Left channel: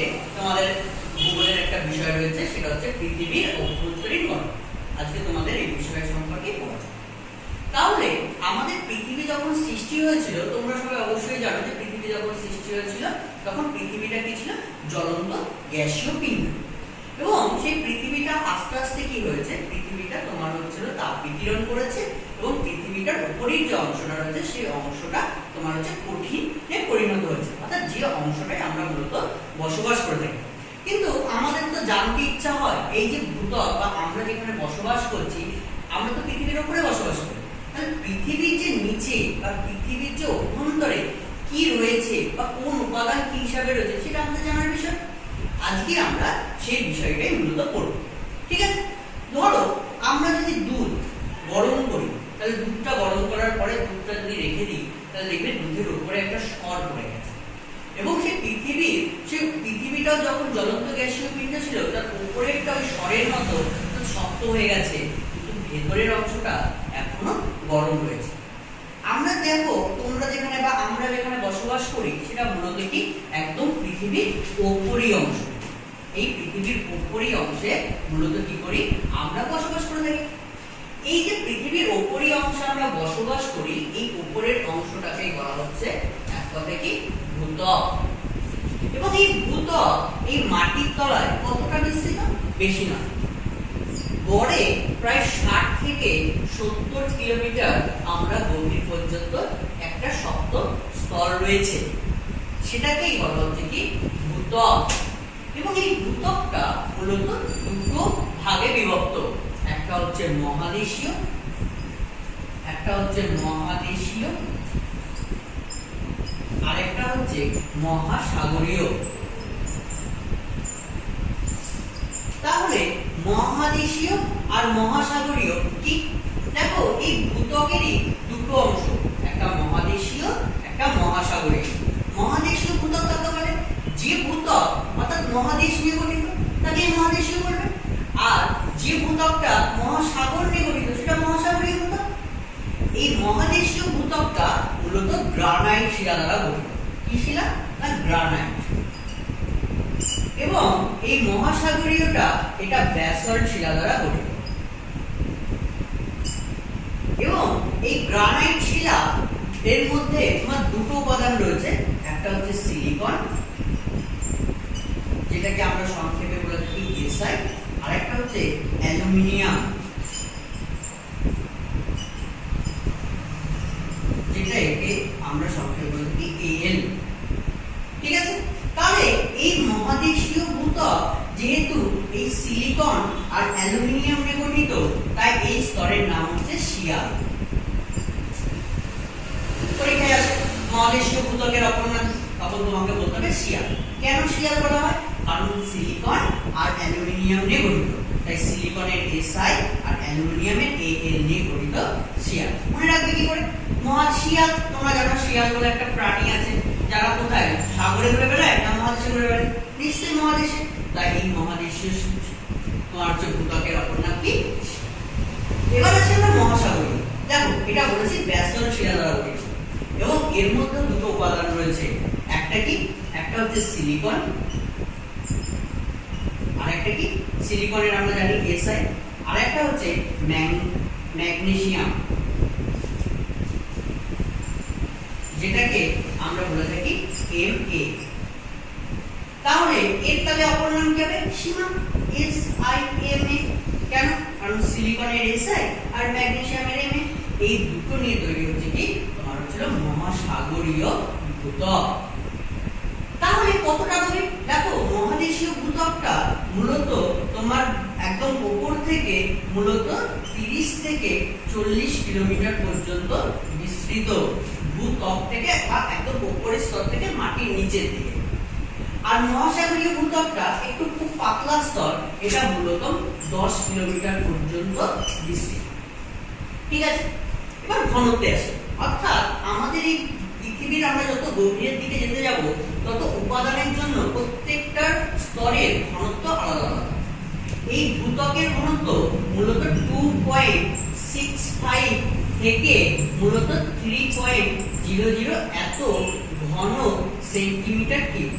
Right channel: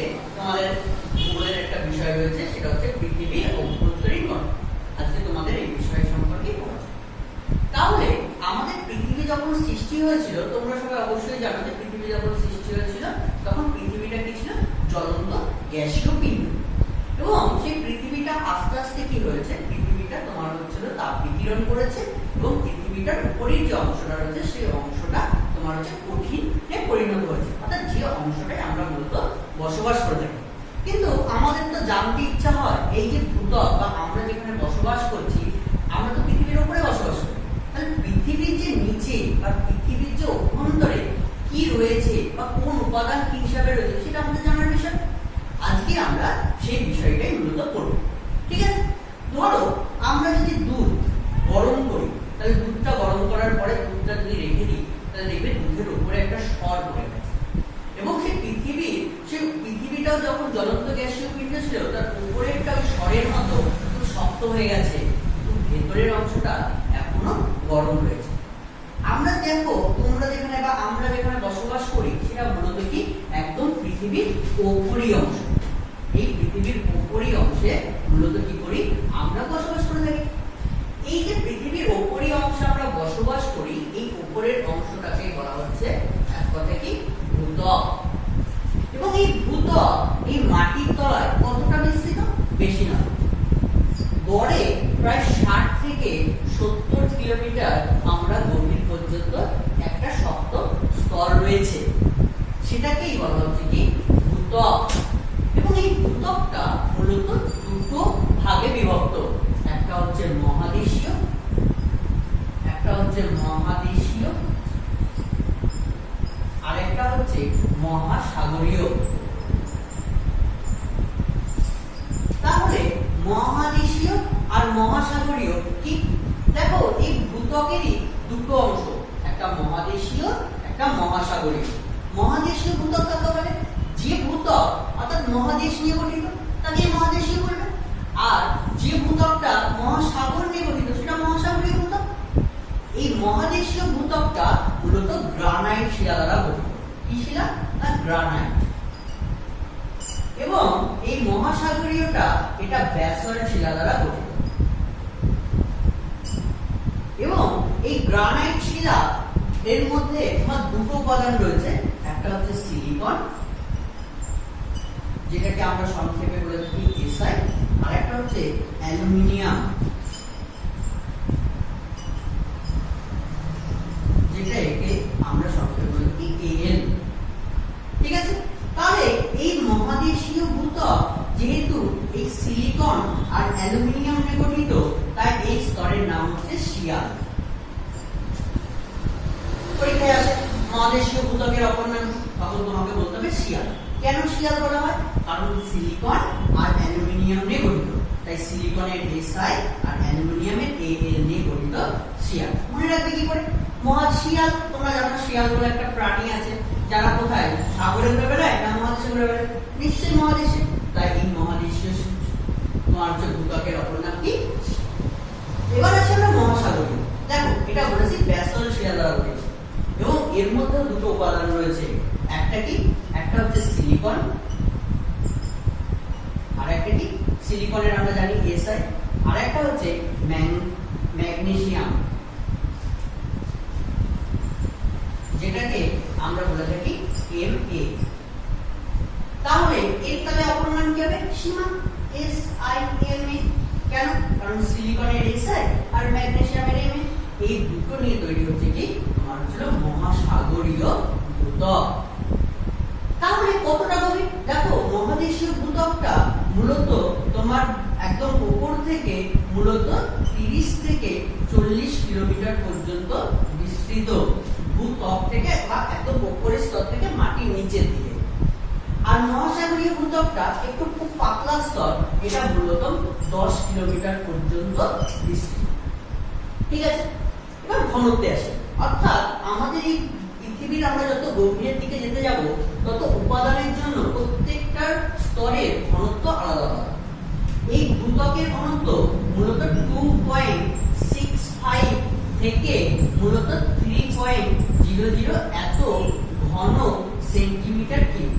ইউনিটে তোমাদের ভূগোলের একটা বিষয় রয়েছে, সেটা হচ্ছে পৃথিবীর অভ্যন্তরীণ গঠন। আজকে তোমাদের এই বিষয় সম্পর্কে পড়া। তাহলে আমাদের পৃথিবী যখন সৃষ্টি হয়েছিল, তোমরা সবাই অবশ্যই জানো যে পৃথিবী যখন সৃষ্টি হয়েছিল তখন পৃথিবীটা কি ছিল? জ্বলন্ত গ্যাসীয় পিণ্ড। এবং সেই পৃথিবীটা আস্তে আস্তে কি হয়েছে? পৃথিবীটা তোমার হচ্ছিল তাপ বিকিরণ করেছে এবং পৃথিবীটার উপরের যে অংশটা রয়েছে সেই অংশটা তোমার হচ্ছে কঠিনে পরিণত হয়েছে, অর্থাৎ যে অংশটায় আমরা মূলত বসবাস করে থাকি। কিন্তু আমাদের তো জানতে ইচ্ছা হয়, এই যে ভূত্বক বা আমরা যেখানে বসবাস করছি, আমরা তো পৃথিবীর উপরে বসবাস করি, তাহলে পৃথিবীর যে নিচে বা পৃথিবীর যে অভ্যন্তরে কি রয়েছে বা কোন উপাদান কি হিসাবে রয়েছে সেটা আমাদের জানার বিষয়। আজকে আমরা সেই বিষয়টাই মূলত পড়ব। ঠিক আছে? ধরো আমরা যদি দুধ গরম করি, তাহলে দুধটা গরম করার পরে দুধটা যদি রেখে দিই, তাহলে দেখবে দুধের উপরে একটা স্বর পড়ে গেছে। এবং সেই পৃথিবীটাও যখন জ্বলন্ত গ্যাসীয় পিণ্ড ছিল, তার উপরেরটা ওই স্বরের মতো শক্ত হয়ে গেছে, কিন্তু ভেতরের অংশটা এখনো গরম রয়েছে। আমরা দেখো, তোমরা যেখানে বা আমরা যেখানে বসবাস করি সেটা মূলত কি একদম পৃথিবীর উপরি অংশ। এই পৃথিবীর উপরি অংশে মূলত কি করি? আমরা বসবাস করে থাকি। এই যে পৃথিবীর উপরি অংশে আমরা বসবাস করি, এই উপরের অংশটাকে বলা হচ্ছে এক কথায় কি ভূত্বক। এবং এই ভূত্বক এই মাটির তলায় কতটা বিস্তৃত? বেশি না, গড়ে প্রায় 60 থেকে 70 কিলোমিটার আমরা গভীর পর্যন্ত একটা শক্ত স্তর রয়েছে, সেটাকেই বলা হচ্ছে কি ভূত্বক। এবং এই ভূত্বকটা মূলত দুটো ভাগে বিভক্ত, একটা হচ্ছে মহাদেশীয়, আরেকটা হচ্ছে মহাসাগরীয়। তাহলে মহাদেশীয় আর মহাসাগরীয় কি? দেখো, এই ভূত্বকেরই দুটো অংশ, একটা মহাদেশীয় একটা মহাসাগরীয়। মহাদেশীয় ভূত্বক কাকে বলে? যে ভূত্বক অর্থাৎ মহাদেশ নিয়ে গঠিত তাকে মহাদেশীয় বলবে, আর যে ভূত্বকটা মহাসাগর নিয়ে গঠিত সেটা মহাসাগরীয় ভূত্বক। এই মহাদেশীয় ভূত্বকটা মূলত গ্রানাইট শিলা দ্বারা গঠিত। কি শিলা? না, গ্রানাইট। এবং এই মহাসাগরীয়টা এটা ব্যাসল্ট শিলা দ্বারা গঠিত। এবং এই গ্রানাইট শিলা এর মধ্যে তোমার দুটো উপাদান রয়েছে, একটা হচ্ছে সিলিকন, যেটাকে আমরা সংক্ষেপে বলে থাকি এসআই, আর একটা হচ্ছে অ্যালুমিনিয়াম, যেটাকে আমরা সংক্ষেপে বলে থাকি এএল। ঠিক আছে? তাহলে এই মহাদেশীয় ভূত্বক যেহেতু এই সিলিকন আর অ্যালুমিনিয়াম নিয়ে গঠিত, তাই এই স্তরের নাম হচ্ছে শিয়াল। পরীক্ষায় আসে মহাদেশীয় ভূত্বকের অপর নাম, তখন তোমাকে বলতে হবে শিয়াল। কেন শিয়াল বলা হয়? কারণ সিলিকন আর অ্যালুমিনিয়াম নিয়ে গঠিত, তাই সিলিকনের এসআই আর অ্যালুমিনিয়ামের এএল নিয়ে গঠিত শিয়াল। মনে রাখবে কি করে? মহাশিয়াল, তোমরা জানো শিয়াল বলে একটা প্রাণী আছে যারা কোথায় সাগরে ঘুরে বেড়ায় না মহাদেশে ঘুরে বেড়ায়? নিশ্চয়ই মহাদেশে। তাই এই মহাদেশীয় তোমার যে ভূত্বকের অপর নাম কি? এবার আছে আমরা মহাসাগরীয়। দেখো, এটা বলেছি ব্যাসল্ট শিলা দ্বারা গঠিত এবং এর মধ্যে দুটো উপাদান রয়েছে, একটা কি? একটা হচ্ছে সিলিকন, আর একটা কি? সিলিকনের আমরা জানি এসআই, আর একটা হচ্ছে ম্যাগনেসিয়াম, যেটাকে আমরা বলে থাকি Ma। তাহলে এর তাহলে অপর নাম কি হবে? সীমা, SiMa। কেন? কারণ সিলিকনের SI আর ম্যাগনেসিয়ামের Ma, এই দুটো নিয়ে তৈরি হচ্ছে কি তোমার হচ্ছে মহাসাগরীয় ভূত্বক। তাহলে কতটা গভীর? দেখো, মহাদেশীয় ভূত্বকটা মূলত তোমার একদম উপর থেকে মূলত 30 থেকে 40 কিলোমিটার পর্যন্ত বিস্তৃত, ভূত্বক থেকে বা একদম উপরের স্তর থেকে মাটির নিচের দিকে। আর মহাসাগরীয় ভূত্বকটা একটু খুব পাতলা স্তর, এটা মূলত 10 কিলোমিটার পর্যন্ত বিস্তৃত। ঠিক আছে? এবার ঘনত্বে আসে, অর্থাৎ আমাদের এই পৃথিবীর আমরা যত গভীরের দিকে যেতে যাব তত উপাদানের জন্য প্রত্যেকটার স্তরের ঘনত্ব আলাদা আলাদা। এই ভূত্বকের ঘনত্ব মূলত 2.65 থেকে মূলত 3.00 এত ঘন সেন্টিমিটার কিউব।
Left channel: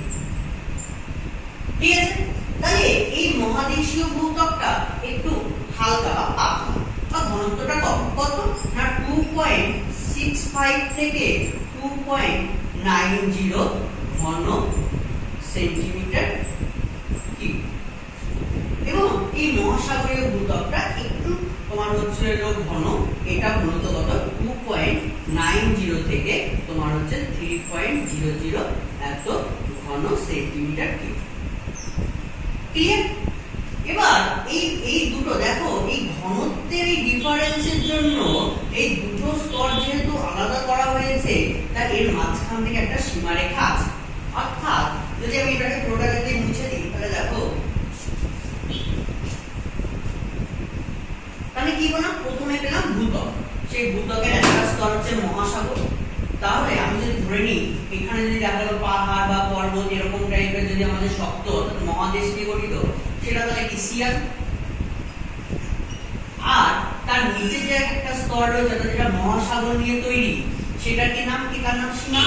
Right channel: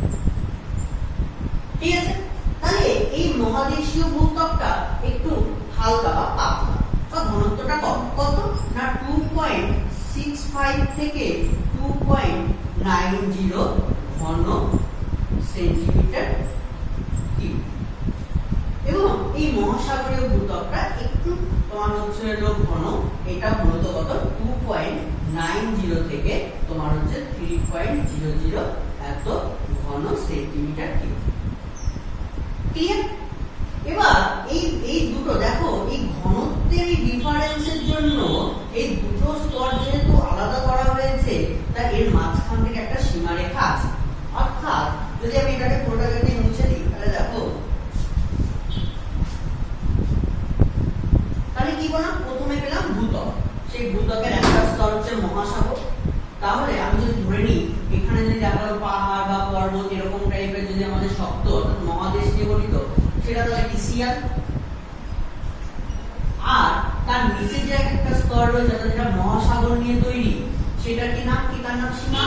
ঠিক আছে, তাহলে এই মহাদেশীয় ভূত্বকটা একটু হালকা বা পাতলা বা ঘনত্বটা কম, কত না 2.65 থেকে 2.90 ঘন সেন্টিমিটার কিউব। এবং এই মহাসাগরীয় ভূত্বকটা একটু তোমার হচ্ছে ঘন, এটা মূলত কত 2.90 থেকে তোমার হচ্ছে 3.00 এত ঘন সেন্টিমিটার কিউব। ক্লিয়ার? এবার এই দুটো দেখো, এই ঘনত্বের এই ডিফারেন্সের জন্য এই দুটো স্তর যেহেতু আলাদা করা হয়েছে, তা এর মাঝখান থেকে একটা সীমারেখা আছে। অর্থাৎ যদি আমি এটাকে পুরোটাকে দিয়ে মুছে দিই, তাহলে দেখো, তাহলে কি বললাম, প্রথমে পেলাম ভূত্বক, সেই ভূত্বকের একটা স্তর হচ্ছে মহাসাগর। তাহলে আমি যদি ধরে নিই এখানে যদি দেখা গেল পাহাড় বা পর্বত এরকম টাইপের যদি আমাদের শক্ত মহাদেশ নিয়ে গঠিত, সেটা তাহলে কি শিয়ার। আর তার নিচে যে একটা স্তর রয়েছে যেটা মহাসাগর নিয়ে তৈরি, সেটা কি নাম, কি তার নাম সীমা।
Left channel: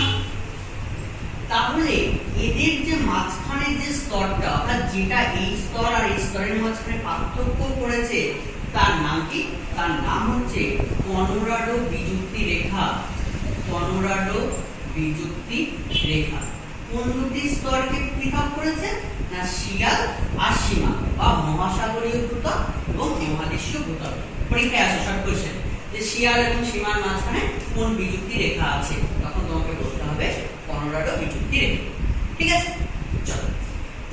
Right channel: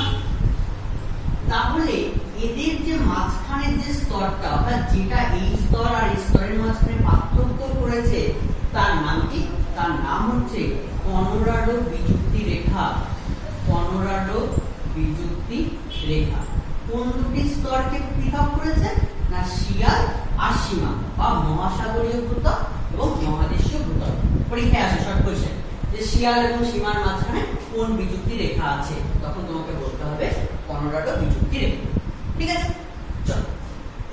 তাহলে এদের যে মাঝখানে যে স্তরটা, অর্থাৎ যেটা এই স্তর আর এই স্তরের মাঝখানে পার্থক্য করেছে, তার নাম কি, তার নাম হচ্ছে কনোরাডো বিযুক্তি রেখা। কনোরাডো বিযুক্তি রেখা কোন দুটি স্তরকে পৃথক করেছে না, শিয়াল আর সীমা, বা মহাসাগরীয় ভূত্বক এবং মহাদেশীয় ভূত্বক। পরীক্ষায় আসে শর্ট কোশ্চেন যে শিয়াল এবং সীমার মাঝখানে কোন বিযুক্তি রেখা আছে, তখন তোমাকে বলতে হবে কনোরাডো বিযুক্তি রেখা। ঠিক আছে, চলো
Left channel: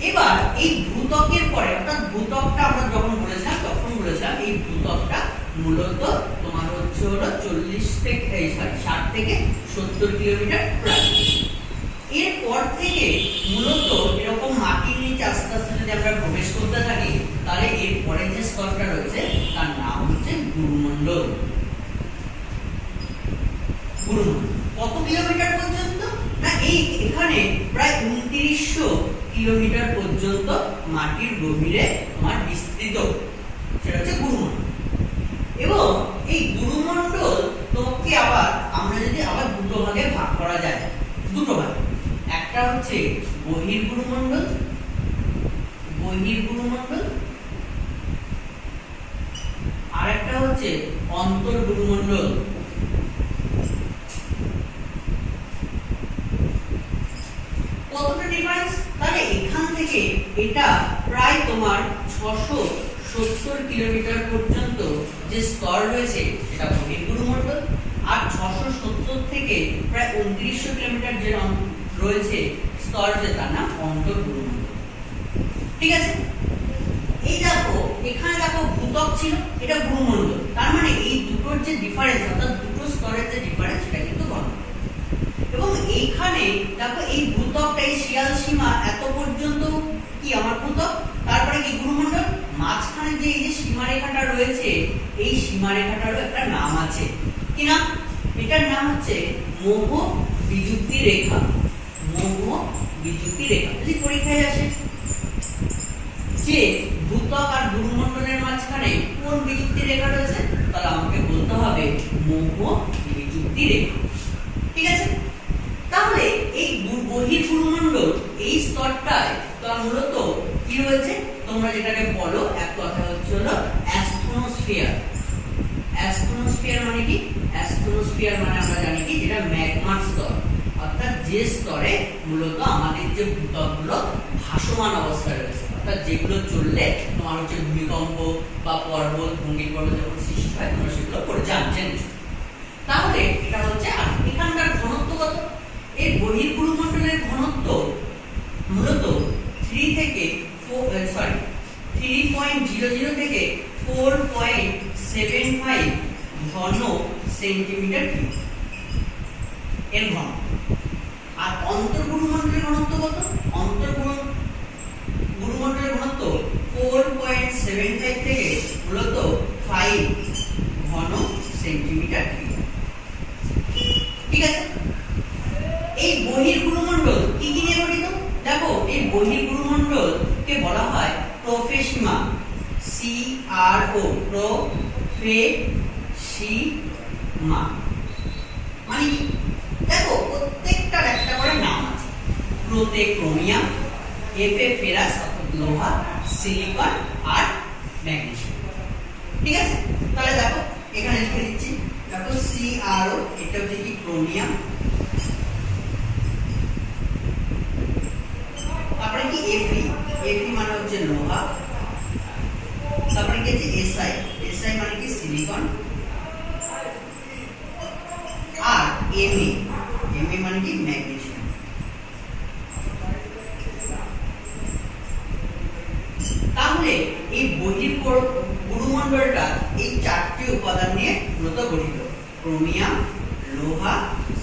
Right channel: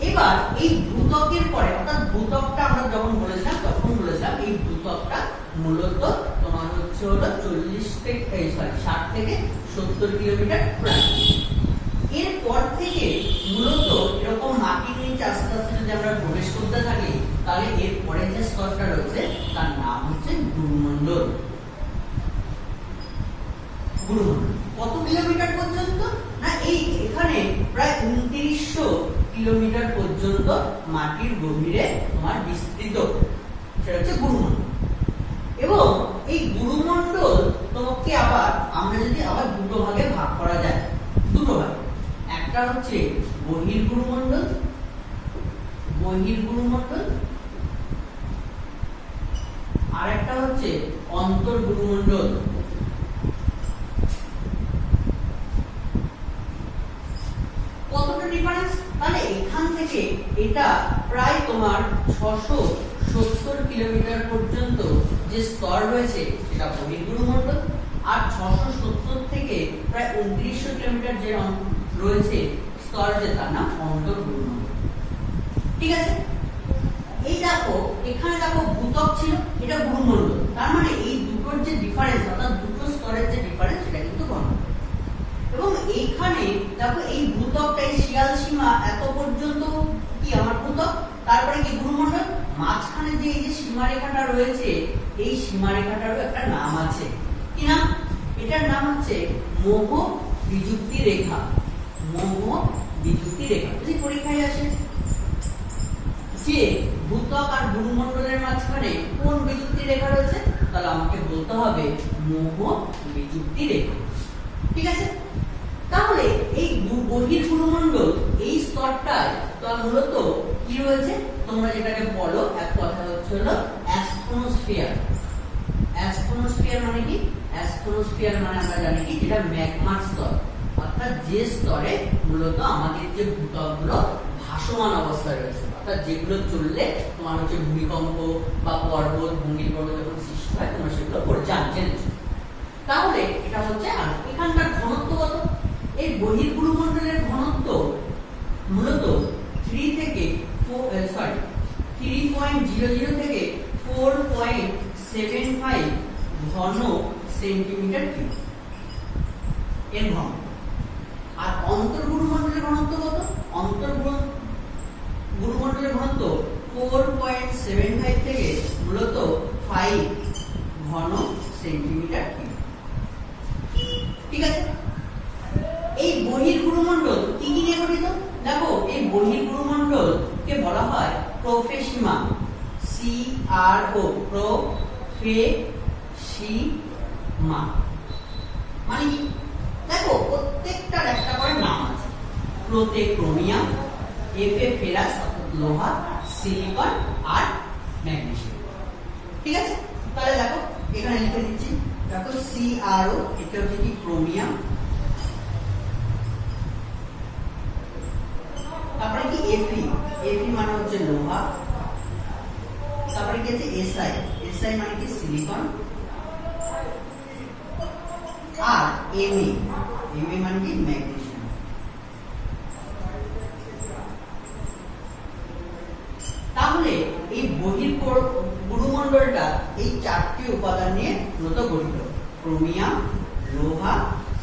এবার এই ভূত্বকের পরে, অর্থাৎ ভূত্বকটা আমরা যখন বলেছিলাম তখন বলেছিলাম এই ভূত্বকটা মূলত তোমার হচ্ছে হলো 60 থেকে 70 কিলোমিটার প্রায়। এরপর থেকে মূলত এরকম মাটির নিচে আস্তে আস্তে যদি আমরা প্রবেশ করতে থাকি, তাহলে এর পরে যে স্তরটা রয়েছে তার নাম হচ্ছে গুরুমণ্ডল। গুরুমণ্ডল কত কিলোমিটার পর্যন্ত না, এই এখানে প্রায় 2900 কিলোমিটার পর্যন্ত মাটির গভীরে তোমার বিস্তৃত, সেটা হচ্ছে গুরুমণ্ডল। এবং এই গুরুমণ্ডল তোমাকে আবার আমরা যদি আবার দুটো ভাগে ভাগ করা যায়, দুটো ভাগ, একটা হচ্ছে বহির্গুরুমণ্ডল, বহির্গুরুমণ্ডল, আর একটা হচ্ছে অন্তর্গুরুমণ্ডল। কতটা ডিফারেন্স, তাহলে এখান থেকে এটা প্রায় তোমার 670 কিলোমিটার পর্যন্ত যে স্তর রয়েছে সেটা বহির্গুরুমণ্ডল, আর 670 থেকে প্রায় 2900 কিলোমিটার যে রয়েছে স্তর, যে তার নাম অন্তর্গুরুমণ্ডল। ঠিক আছে, এই দেখো এখানে দেখো ভূত্বক ছিল, এটা গুরুমণ্ডল, তার মানে এই দুটোর যে ডিফারেন্স, অর্থাৎ দুটো স্তরের যে ডিফারেন্স, সেটা কিন্তু ঘনত্ব। এবং এইখানে দেখো এই ভূত্বকটা, এই শিয়াল সীমা এত পর্যন্ত কি আমার ভূত্বক, তারপরে কি গুরুমণ্ডল, মাঝখানে যে এই যে সীমারেখাটা রয়েছে, এই সীমারেখাটারও একটা নাম আছে। কি নাম, এটার নাম হচ্ছে মোহ বিযুক্তি রেখা। মোহ বিযুক্তি রেখা যদি পরীক্ষায় আসে যে ভূত্বক আর গুরুমণ্ডলের মাঝখানে কোন বিযুক্তি রেখা রয়েছে, তাহলে আমাকে বলতে হবে মোহ বিযুক্তি রেখা। ঠিক আছে, তাহলে এই বহির্গুরুমণ্ডল এই স্তরটায় তো মূলত কি রয়েছে, তোমরা যেটাকে বলো এক কথা হচ্ছে হলো অ্যাস্ট্রোস্ফিয়ার। অ্যাস্ট্রোস্ফিয়ার মানে কি, অ্যাস্ট্রোস্ফিয়ার মানে আমরা জানি কি, যেটা ম্যাগমার স্তর, অর্থাৎ যে স্তরে মূলত আমাদের যে ভূত্বকগুলো ভাসমান অবস্থায় রয়েছে, অর্থাৎ যেগুলো চললে তোমার হচ্ছে ভূমিকম্প বা পর্বত ভূমিকম্প যখন সৃষ্টি হয় তোমরা সেগুলো পড়ে জানছেন। তাহলে এটা হচ্ছে, আর এখানকার ঘনত্ব কত, এই বহির্গুরুমণ্ডলের ঘনত্ব মূলত 3.00 থেকে 4.75 ঘন সেন্টিমিটার কিউব এর ঘনত্ব। আর অন্তর্গুরুমণ্ডলের ঘনত্ব কত, অন্তর্গুরুমণ্ডলের ঘনত্ব 4.75 থেকে মূলত 5 ঘন সেন্টিমিটার কিউব। ঠিক আছে, এই বহির্গুরুমণ্ডল কি কি নিয়ে গঠিত, দেখো এই বহির্গুরুমণ্ডলকে বলা হয় প্রোফেসিমা, CRO, প্রোফেসিমা মানে কি, দেখো প্রত্যেকটার একটা করে নাম আছে। প্রোটেক্রোমিয়া, এফে ফেরাস লোহা, সিলিকন আর ম্যাগনেসিয়াম। ঠিক আছে, তাহলে দেখো এখানে লিখে দিচ্ছি, দেখো CrO এটা হচ্ছে কি ক্রোমিয়াম, তারপরে কি Fe মানে হচ্ছে লোহা, তারপরে কি আছে Si মানে কি সিলিকন, আর Ma মানে কি ম্যাগনেসিয়াম। তাহলে এই গুরুমণ্ডলটা এই চারটি উপাদান নিয়ে মূলত গঠিত, ক্রোমিয়াম, লোহা,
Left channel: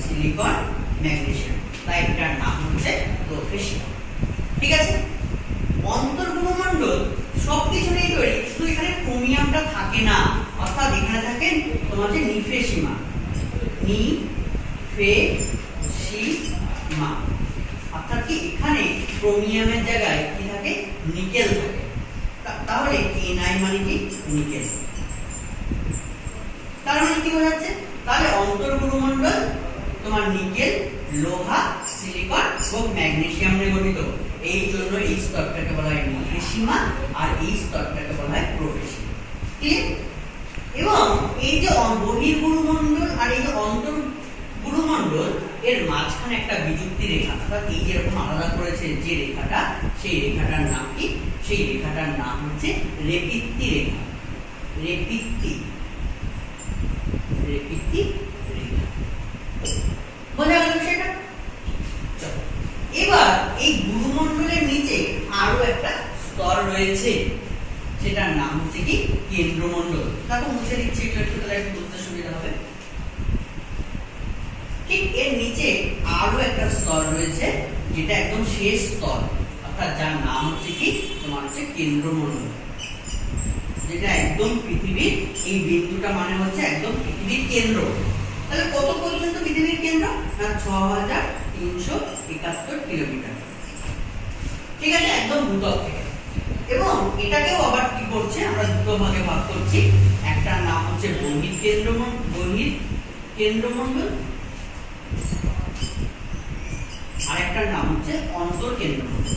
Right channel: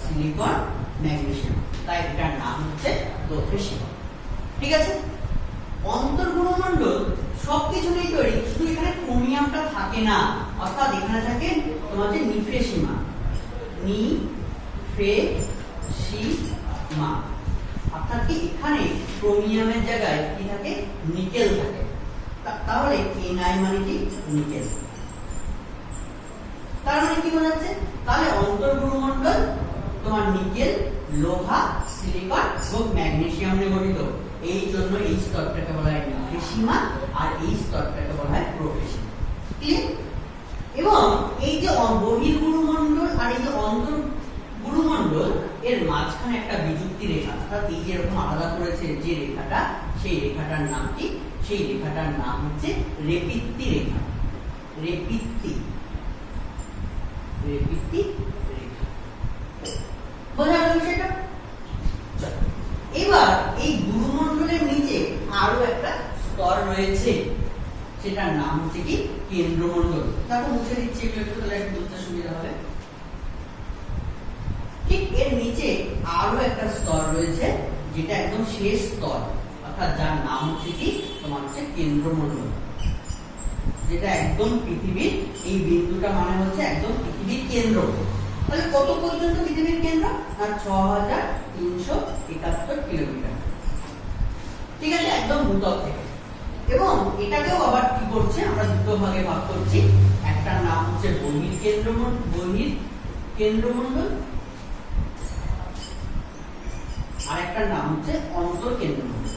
সিলিকন, ম্যাগনেসিয়াম, তাই এটার নাম হচ্ছে প্রোফেশিয়াম। ঠিক আছে, অন্তর্গুরুমণ্ডল সবকিছু নিয়ে তৈরি, শুধু এখানে ক্রোমিয়ামটা থাকে না, অর্থাৎ এখানে থাকে তোমার যে নিফেসিমা, অর্থাৎ কি এখানে ক্রোমিয়ামের জায়গায় কি থাকে, নিকেল থাকে। তাহলে Ni মানে কি নিকেল। তার মানে কি বোঝাচ্ছে, তাহলে অন্তর্গুরুমণ্ডল তোমার নিকেল, লোহা, সিলিকন এবং ম্যাগনেসিয়াম নিয়ে গঠিত। এই জন্য এই স্তরটাকে বলা হয় নিফেসিমা আর এই স্তরটাকে বলা হয় প্রোফেশিমা। ক্লিয়ার? এবং এই যে বহির্গুরুমণ্ডল আর এই যে অন্তর্গুরুমণ্ডল এর মাঝখানে একটা বিযুক্তি রেখা, অর্থাৎ এই যেরকম আলাদা করেছে যে রেখাটা, সেই রেখাটার নাম কি, সেই রেখাটার নাম হচ্ছে রেপিত্তি রেখা। রেপিত্তি রেখা, বোঝা গেল সেটা? এবার এই গুরুমণ্ডলের নিচে আরো একটা স্তর রয়েছে, সেটার নাম হচ্ছে কি কেন্দ্রমণ্ডল। দেখো মুছে দিচ্ছি একটু, তাহলে একটু বুঝতে সুবিধা হবে। ঠিক এর নিচে আরো একটা স্তর রয়েছে, যেটা একদম শেষ স্তর, অর্থাৎ যার নাম হচ্ছে কি তোমার হচ্ছে কেন্দ্রমণ্ডল, যেটা একদম পৃথিবীর এই বিন্দুটা মানে হচ্ছে একদম পৃথিবীর কেন্দ্র। তাহলে কত পর্যন্ত পৃথিবীর কেন্দ্র? না 6371 কিলোমিটার। ঠিক আছে, একদম ভূত্বক থেকে। এবং এটাকেও আবার কি করছে, আমরা দুটো ভাগে ভাগ করছি, একটার নাম হচ্ছে বহির্কেন্দ্রমণ্ডল, আর একটার নাম হচ্ছে অন্তর্কেন্দ্রমণ্ডল।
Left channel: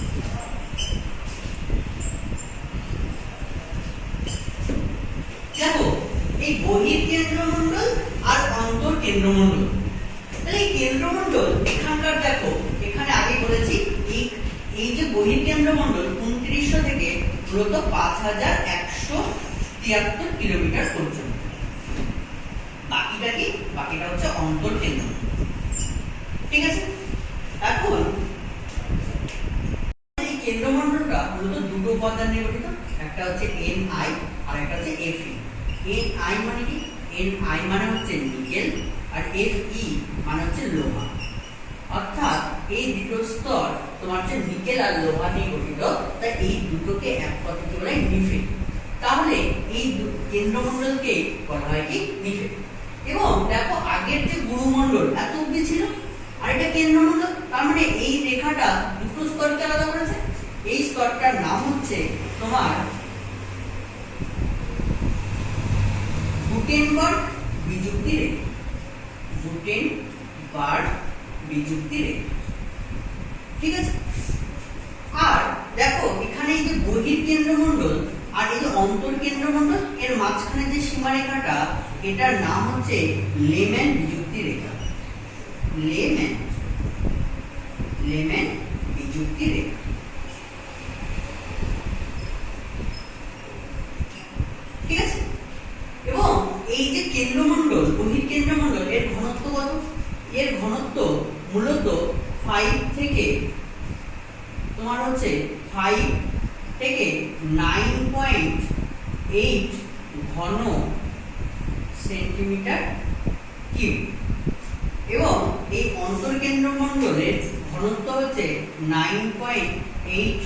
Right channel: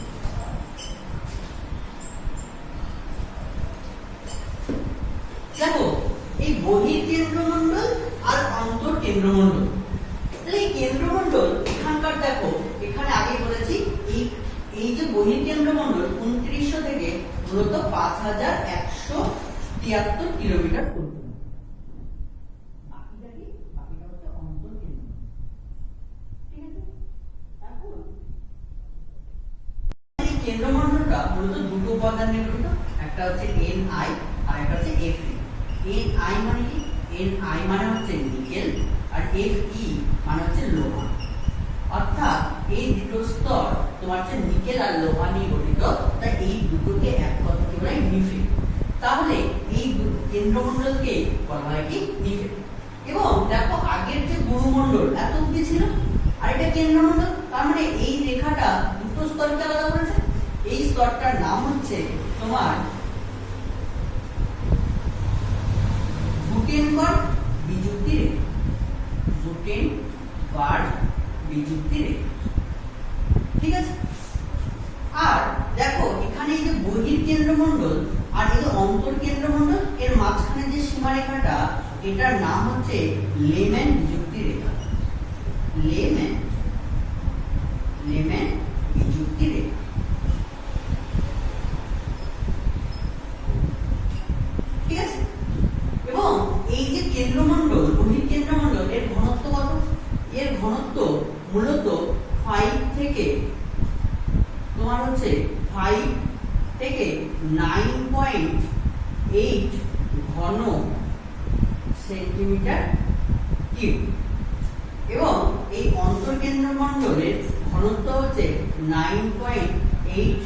দেখো এই বহির্কেন্দ্রমণ্ডল আর অন্তর্কেন্দ্রমণ্ডল, তাহলে এই কেন্দ্রমণ্ডল এখানকার, দেখো এখানে আগে বলেছি এই যে বহির্কেন্দ্রমণ্ডল 2900 থেকে মূলত 5173 কিলোমিটার পর্যন্ত। বাকিটা কি? বাকিটা হচ্ছে অন্তর্কেন্দ্র। ঠিক আছে, এখন এই কেন্দ্রমণ্ডলটা মূলত দুটো উপাদান নিয়ে গঠিত, একটা হচ্ছে Ni আর একটা হচ্ছে Fe। Ni মানে কি? Ni মানে হচ্ছে নিকেল, আর Fe মানে হচ্ছে লোহা। অর্থাৎ এই দুটো স্তর তোমার হচ্ছে নিকেল আর লোহা নিয়ে গঠিত, তাই এই দুটোকে এক কথায় বলা হয় নিফেট। তাহলে এই কেন্দ্রমণ্ডলকে বলা হয় কি নিফেট। এবং দেখো আগের যে গুরুমণ্ডল এত অবধি ছিল, আর এটা কেন্দ্রমণ্ডল, তার মানে এই রেখাটা দুটো স্তরকে আলাদা করেছে। এই স্তরটার নাম হচ্ছে তোমার গুটেনবার্গ বিযুক্তি রেখা। গুটেনবার্গ বিযুক্তি রেখা। ঠিক আছে, আর দেখো এখানে এই যে বহির্কেন্দ্রমণ্ডল আর এই যে অন্তর্কেন্দ্রমণ্ডল এর মাঝখানে যে সীমারেখাটা, এটার নাম হচ্ছে লেম্যান বিযুক্তি রেখা। লেম্যান বিযুক্তি রেখা। ঠিক আছে, এবং এই যে কেন্দ্রমণ্ডল, বহির্কেন্দ্রমণ্ডল এর ঘনত্ব কত? এর ঘনত্ব মূলত 5 থেকে তোমার হচ্ছে 5 থেকে 9.8 ঘন সেন্টিমিটার কিউব। এবং এই অন্তর্কেন্দ্রমণ্ডলের ঘনত্ব হচ্ছে 9.8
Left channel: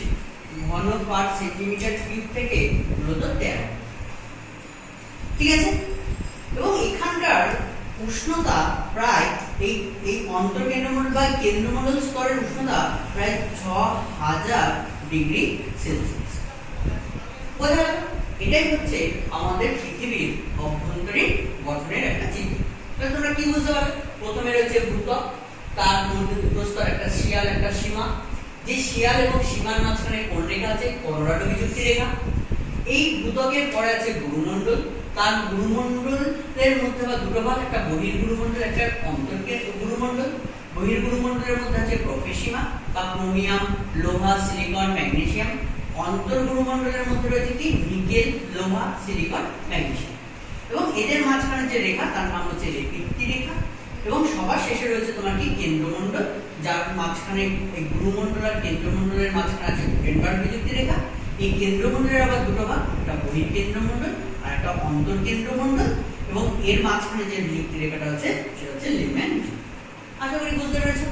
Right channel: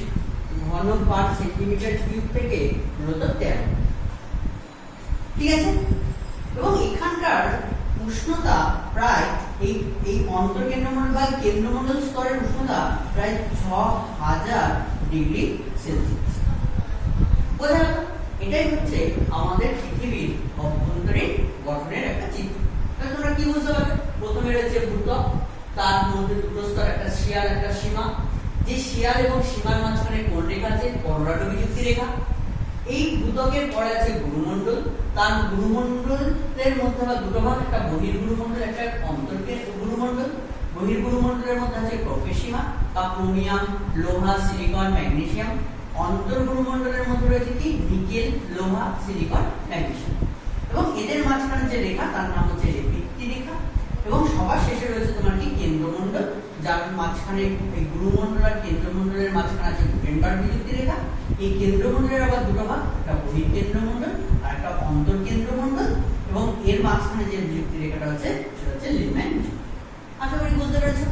ঘন পার সেন্টিমিটার কিউব থেকে মূলত 13। ঠিক আছে, এবং এখানকার উষ্ণতা প্রায় এই অন্তর্কেন্দ্রমণ্ডল বা কেন্দ্রমণ্ডল স্তরের উষ্ণতা প্রায় 6000 ডিগ্রি সেলসিয়াস। বোঝা গেল? এটাই হচ্ছে আমাদের পৃথিবীর অভ্যন্তরীণ গঠনের একটা চিত্র। তাহলে তোমরা কি বুঝতে পারলে? প্রথমে রয়েছে ভূত্বক, তার মধ্যে দুটো স্তর, একটা শিয়াল একটা সীমা, যে শিয়াল এবং সীমার মাঝখানে কোন রেখা আছে? কলোরাডো বিযুক্তি রেখা। এই ভূত্বকের পরে আছে গুরুমণ্ডল, তার গুরুমণ্ডলের মধ্যে আবার দুটো ভাগ, একটা বহির্গুরুমণ্ডল, একটা অন্তর্গুরুমণ্ডল। বহির্গুরুমণ্ডলের মধ্যে আছে প্রোফেসিমা বা ক্রোমিয়াম, লোহা, সিলিকন, ম্যাগনেসিয়াম। অন্তর্গুরুমণ্ডলের মধ্যে রয়েছে কি? নিকেল, লোহা, সিলিকন, ম্যাগনেসিয়াম। এবং এদের মাঝখানে যে রেখা তার নাম হচ্ছে লেপিত্তি রেখা। এবং সবার শেষে রয়েছে তোমার কি? কেন্দ্রমণ্ডল, যার মাঝখানে এই গুরুমণ্ডল আর কেন্দ্রমণ্ডলের মাঝখানে আছে গুটেনবার্গ বিযুক্তি রেখা। এই কেন্দ্রমণ্ডলের আবার দুটো ভাগ, একটা বহির্কেন্দ্রমণ্ডল আর একটা অন্তর্কেন্দ্রমণ্ডল। এবং এর মাঝখানে যে বিযুক্তি রেখাটা আছে সেটা হচ্ছে লিহম্যান বিযুক্তি। আশা করি বুঝতে পেরেছো।